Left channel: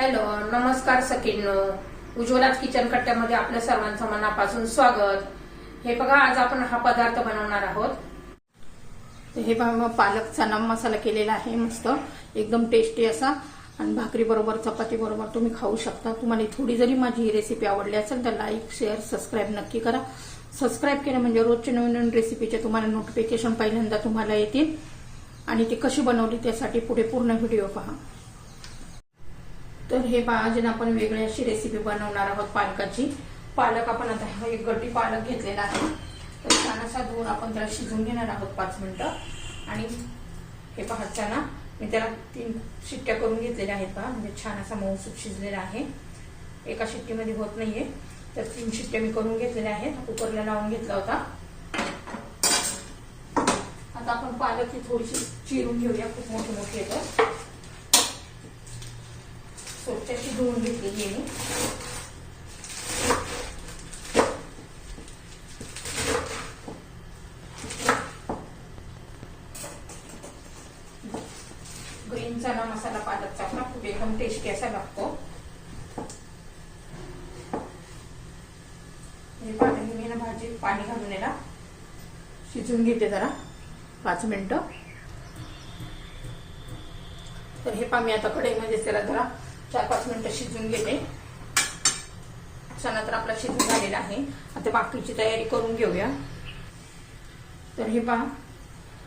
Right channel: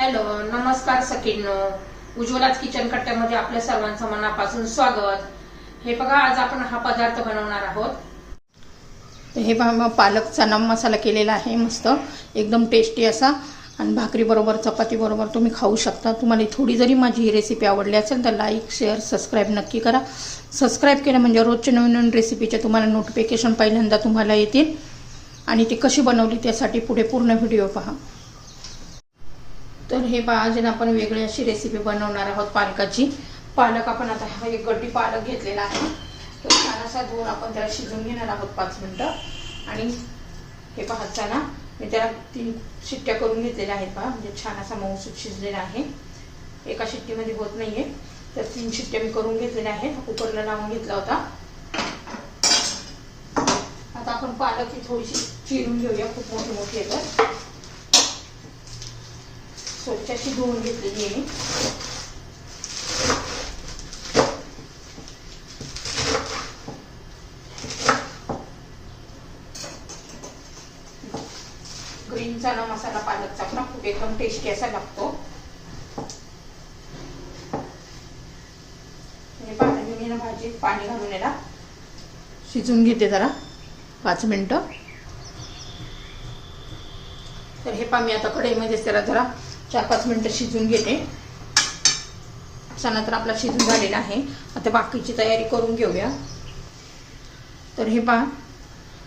Hello, नमस्कार सखींनो. उज्ज्वलाच kitchen कट्ट्यामध्ये आपल्या सर्वांचं मनापासून स्वागत. हे बघा, आज आपण हा पदार्थ बनवणार आहोत. हे बघा, पालक चना मसाला केलेला आहे. मस्त एकदम टेस्टी असा, आणि भाकरी बरोबर चपाती बरोबर तुम्ही खाऊ शकता. तुम्हाला थोडी जरी माझी ही रेसिपी आवडली असेल तर लाईक शेअर सबस्क्राईब नक्की करा. सबस्क्राईब केलं म्हणजे रोजच्या नवीन नवीन रेसिपीचे तुम्हाला नोटिफिकेशन पहिल्यांदा तुम्हाला येतील. आणि ती कशी बनवली त्यासाठी पुढे पूर्ण व्हिडिओ पहा. तर हे पहा, आज आपण वेगळी अशी रेसिपी बनवणार आहोत पालकाची. पालक आपण आता हा एक गड्डी पालक घेतलेला आहे. तर छान असा धुवून आपण त्याला शिजवून घेणार आहोत 5 मिनिटं. आणि हे पहा, चना मी त्याला 3 शिट्ट्या करून घेतलेल्या आहेत पहा, म्हणजे छान असा मऊसूत शिजलेला आहे. एका शिट्टीमध्ये होत नाहीये, तर 3 शिट्ट्या मी करून घेतलेल्या आहेत. कुकरला लावून घेतला होता. आता आपण पालक ही थोडीशी चिरून घेऊया. खूप मोठी मोठी येतात. स्वच्छची धुवून घेतलेली आहे. ग्रीन चना मसाला पालकचा आपला खूप एकदम टेस्टी असा लागतो. मी भाजी पाणी घालून याला शिजून घेते जरा 5 मिनिटं. तर हे पहा, मी आता कढईमध्ये त्याला जरा 4-5 मिनिटं शिजून घेते. चना तर आपला शिजून झालेला आहे. आता बाकीची तयारी करून घेऊया. तर हे पहा,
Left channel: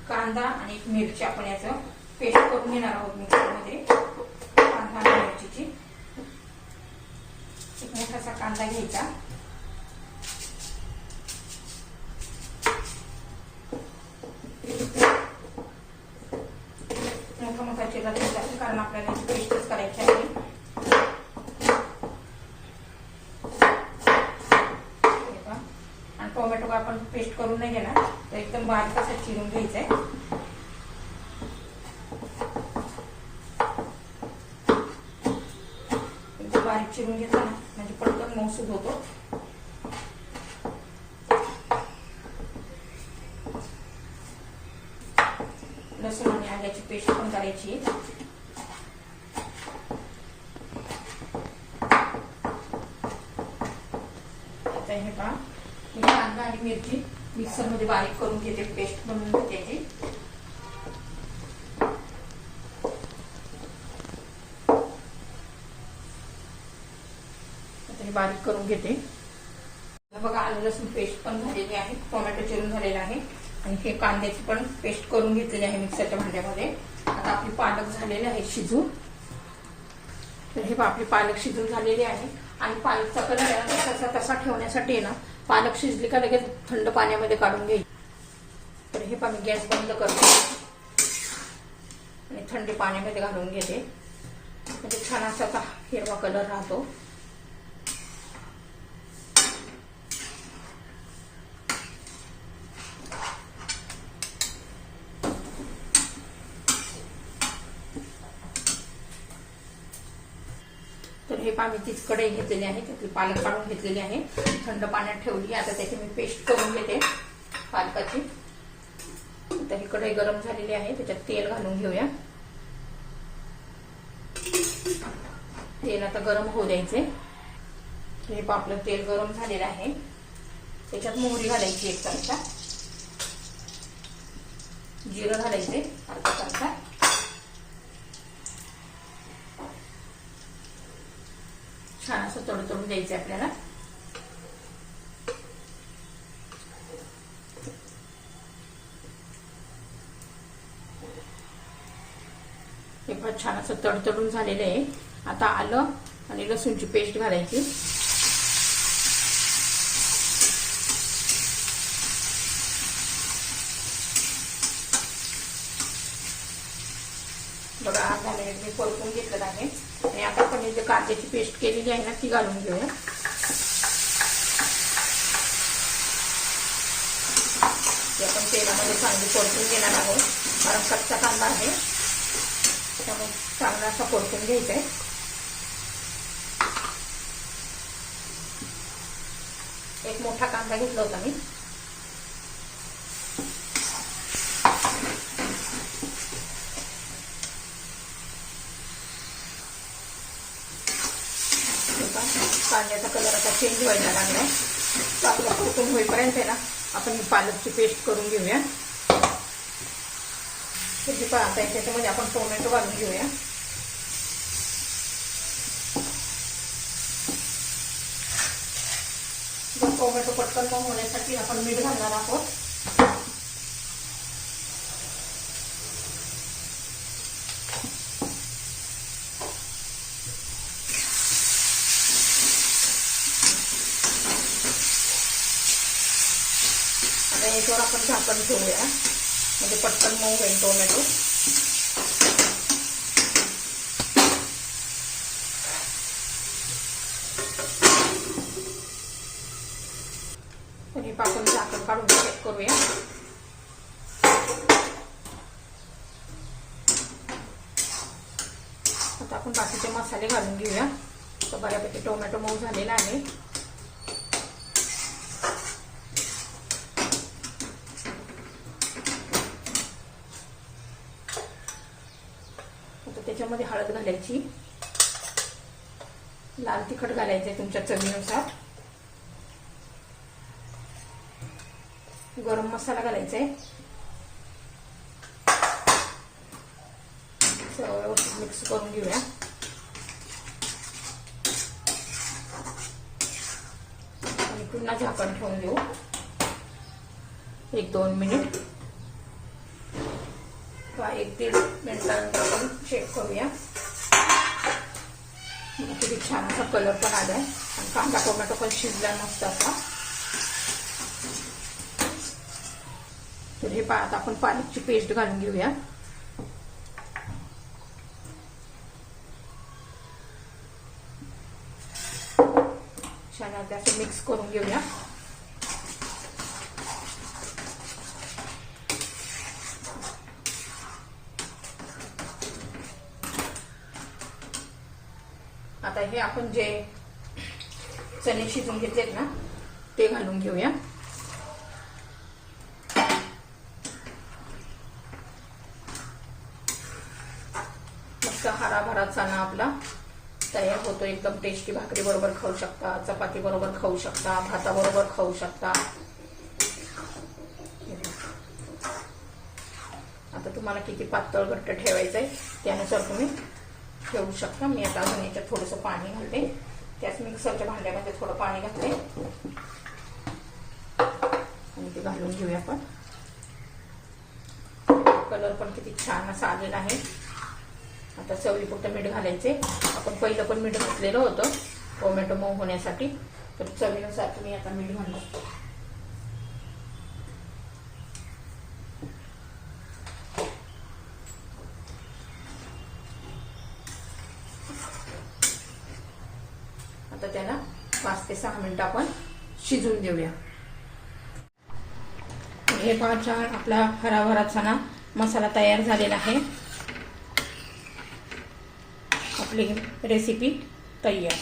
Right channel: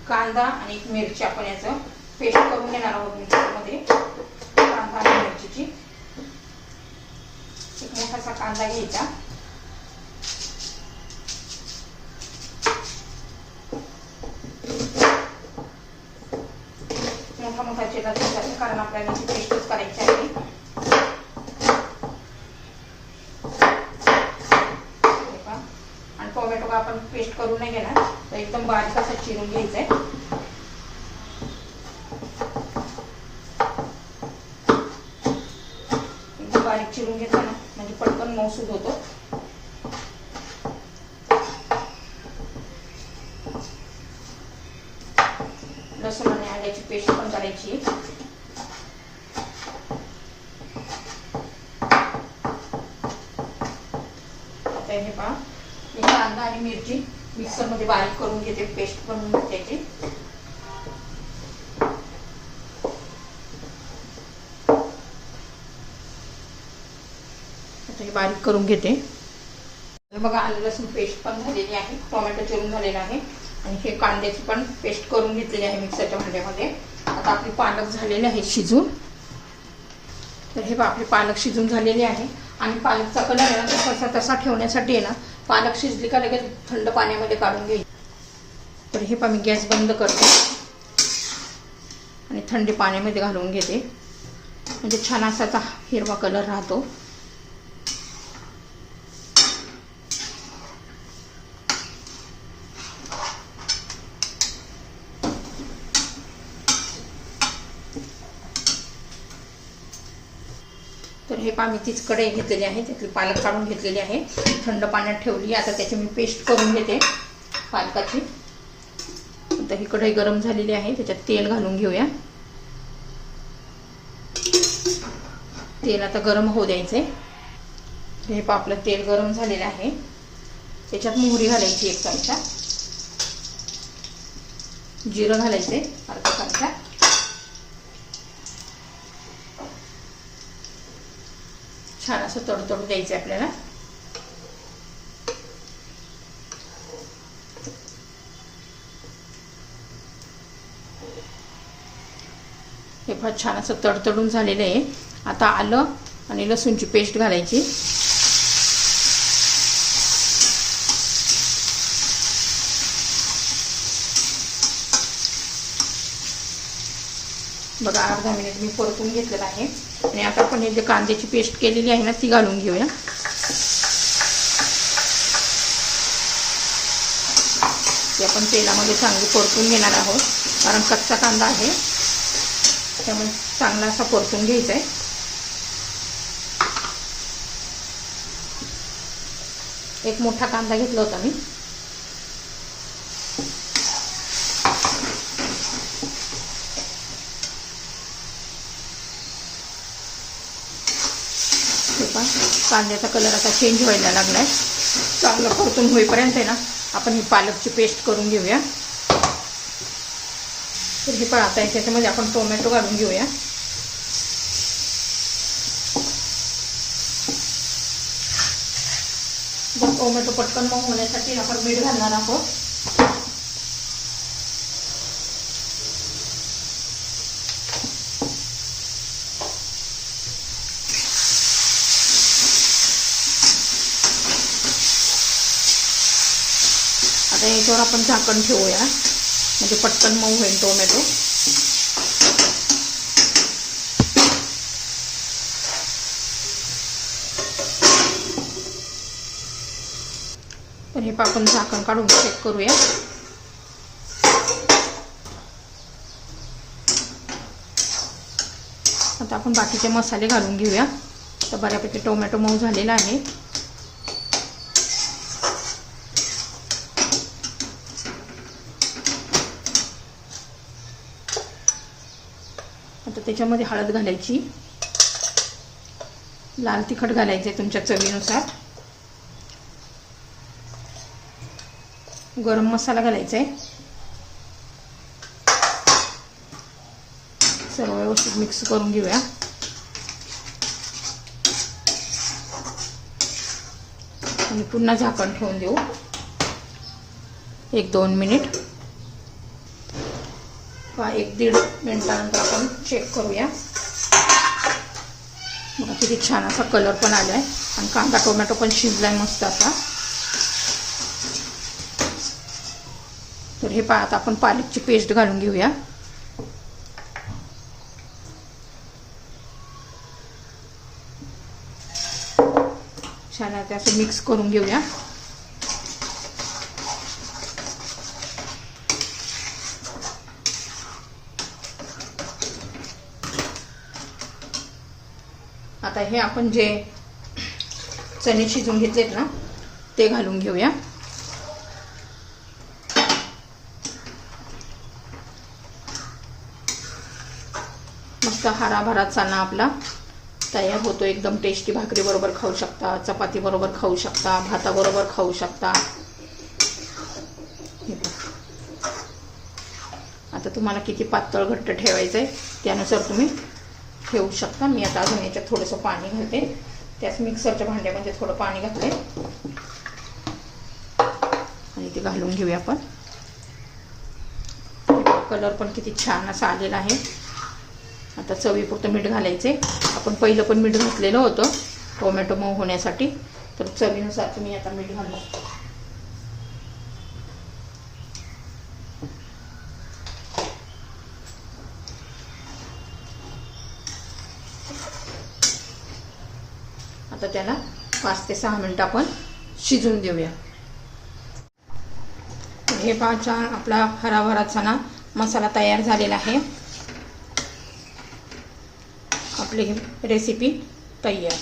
कांदा आणि एक मिरची आपण याचं पेस्ट करून घेणार आहोत मिक्सरमध्ये. कांदा आणि मिरचीची एक मोठासा कांदा घ्यायचा. मोठा मोठा चिरला घ्यायचा, कारण आपल्याला पेस्टच करायची आहे. आणि टोमॅटो आपण पेस्ट करून नाही घेणार, तर एकदम बारीक असं चिरून घ्यायचं आहे. एकदम बारीक चिरून घेतला ना, म्हणजे पटकन मऊसूद होतो. लसूण आणि आल्याची पेस्ट पण करायची. आता हे पहा, मी कांदा आणि मिरची मिक्सर मध्ये बारीक करून घेते. पेस्ट बनवून घ्यायची. आता हे बारीक करून घेते. बघा, आलं लसूण पेस्ट पण झालेली आहे. टोमॅटो चिरून झालेला आहे. आणि हे कांद्याची पण पेस्ट करून घेतलेली आहे मिक्सरच्या भांड्यामध्ये. आता आपली पालक झालेले आहे शिजून. तर हे आपले पालक शिजून झालेले आहे. आणि पालकचा कलर तसा तसा ठेवण्यासाठी आहे ना, पालक शिजली का लगेच थंड पाण्यामध्ये काढून घेईल. तर हे मी गॅस बंद करते आणि थंड पाण्यामध्ये घालून घेते, म्हणजे छान असा हिरवा कलर राहतो. तर हे पहा, मी तीच कढई घेतलेली आहे. त्यातली पालक काढून घेतलेली आहे. थंड पाण्यात ठेवली. आता त्याची मी पेस्ट करून घेते पालकाची. आता ही कढई गरम झालेली आहे. त्याच्यात तेल घालून घेऊया. तेल आता गरम होऊ द्यायचंय. हे पहा, आपलं तेल गरम झालेलं आहे. त्याच्यात मोहरी घालायची 1 चमचा. जिरं घालायचे अर्धा चमचा. छान असं तडतडू द्यायचं आपल्याला. हे पण छान असं तडतडून झालेलं आहे. आता आलं आणि लसूणची पेस्ट घालायची. बघा, अर्धा मिनिट मी परतून घेतलेलं आहे. आणि आता आपण जे कांद्याची पेस्ट केलेली आहे ना, ती घालून घेऊया. ती आपण तेलामध्ये चांगली परतून घेणार आहोत, कारण कच्चा कांदा आहे, त्यामुळे चांगला असा परतून घ्यायचा आहे. एक मोठा कांदा घेतला होता मी. कांद्याचा कलर आता चेंज व्हायला लागलाय. चांगलं परतून होईपर्यंत आहे ना आपण ही पालकची पेस्ट करून घेऊया. तर हे पण आता त्याच्यामध्ये आपण टोमॅटो घालून घेऊया. टोमॅटो पटकन मऊ होण्यासाठी आपण मीठ घालणार आहोत. आता याच्यावर आपण झाकण ठेवूया म्हणजे पटकन मऊ होईल टोमॅटो. तर हे आपण झाकण काढून चेक करूया. आता आपण बाकीचे मसाले घालून घेऊया. तर बऱ्यापैकी टोमॅटो मऊ झालेला आहे. आता त्याच्यामध्ये हळद घालायची, लाल तिखट घालायचे तुमच्या चवीनुसार, गरम मसाला घालायचा आहे. सर्व व्यवस्थित मिक्स करून घेऊया. आणि पुन्हा झाकण ठेवून देऊ 1-2 मिनिट. 1-1.5 मिनिटानंतर आपण चेक करूया. बघा किती छान असा कलर पण आलाय आणि कांदा टोमॅटो पण शिजलाय मस्त असा. तर हे आता आपण पालकची पेस्ट घालून घेऊया. छान आहे असं मिक्स करून घेऊया. आता हे आपण जे चणे शिजून घेतलेत ना ते घालून घेऊया. मस्त हराभरा चणा आपला तयार होतो. एकदम टेस्टी. भाकरी बरोबर खाऊ शकता, चपाती बरोबर खाऊ शकता, भाताबरोबर खाऊ शकता. आता तुम्हाला किती पातळ घट्ट ठेवायचंय त्यानुसार तुम्ही ठेवू शकता. मी आता अजून याच्यात थोडंसं पाणी घालते. त्याच मिक्सरच्या भांड्यामध्ये थोडं पाणी घातले आणि ते घालून घेऊया आपण. कलर पण किती छान असा आलेला आहे. आता चवीपुरतं मीठ घालायचे. आपण पहिलं पण मीठ घातलेलं होतं टोमॅटो मऊ होण्यासाठी. तर चवीनुसार तुम्ही आता मीठ घालू. आता त्याला 5 ते 6 मिनिटं आपण शिजून देऊया. हे छान आपला हराभरा चणा मसाला तयार झालेला आहे. आपली रेसिपी तयार.